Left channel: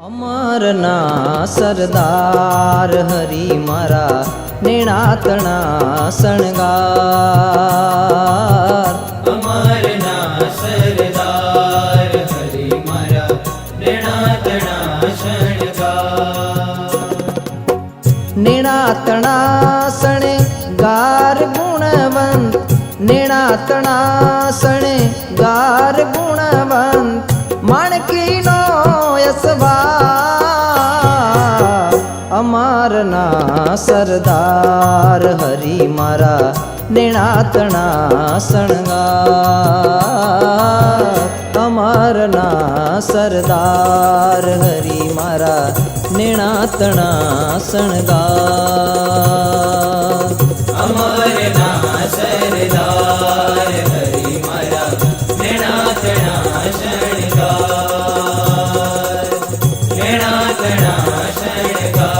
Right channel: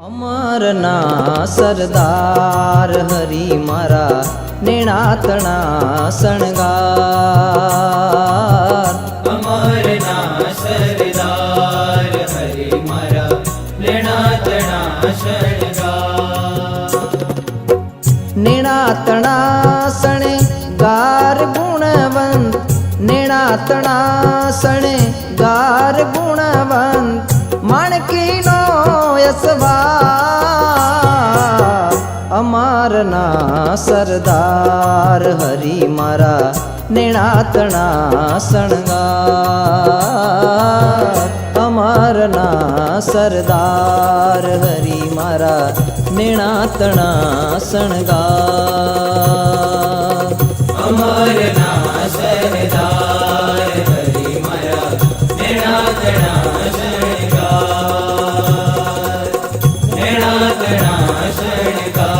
અમરના સરદાર હરી મારા નેણાતણા શણગાર। અમરના સરદાર હરી મારા નેણાતણા શણગાર। નેણાતણા શણગાર ગુણવંત, નેણાતણા શણગાર ગુણવંત, માણકીનો યશવાર। અમારના સરદાર હરી મારા નેણાતણા શણગાર। અમારના સરદાર હરી મારા નેણાતણા શણગાર। અમરના સરદાર હરી મારા નેણાતણા શણગાર। નેણાતણા શણગાર।